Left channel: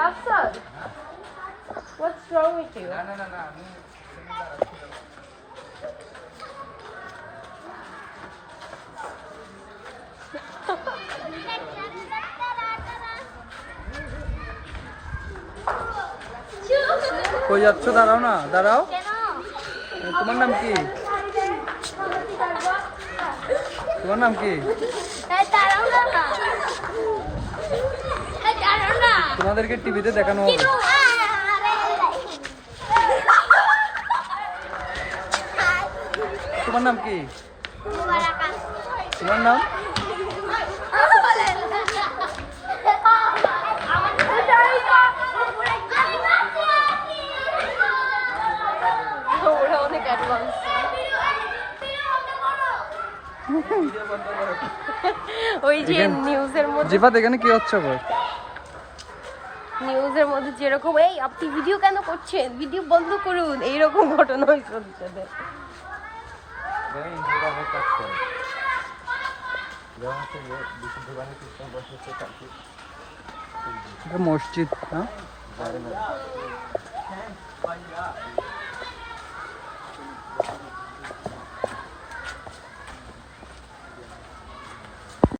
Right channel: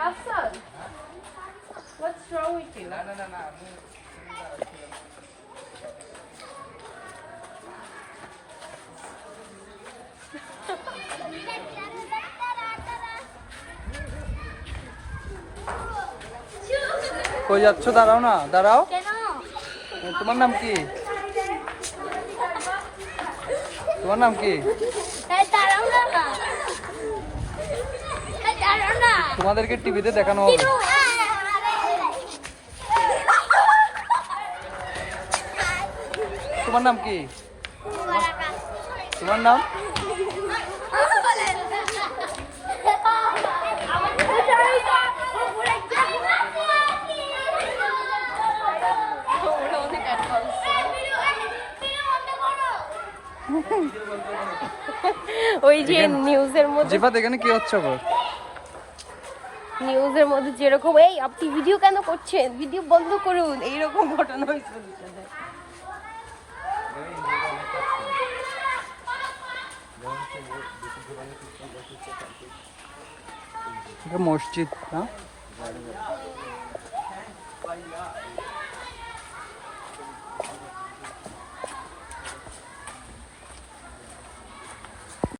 Afsan, what's wrong with you? কই যাচ্ছ? দাঁড়াও না, দাঁড়াও। তোমার নাম কি? তোমার নাম কি? তোমাদেরকে টিভিতে দেখানো হবে। তোমার নাম কি? তোমার নাম? ওরা অনেক অ্যাডভান্স। ওই যে নিউজের মধ্যে, জিফাত এখানে কি হচ্ছে আবার? নিউজের মধ্যে যেরকম এই আপনি ভিডিও কেন করছেন, ভিডিও বন্ধ করুন, এইরকম ঘটনা হয়েছে। এটা মসজিদ না?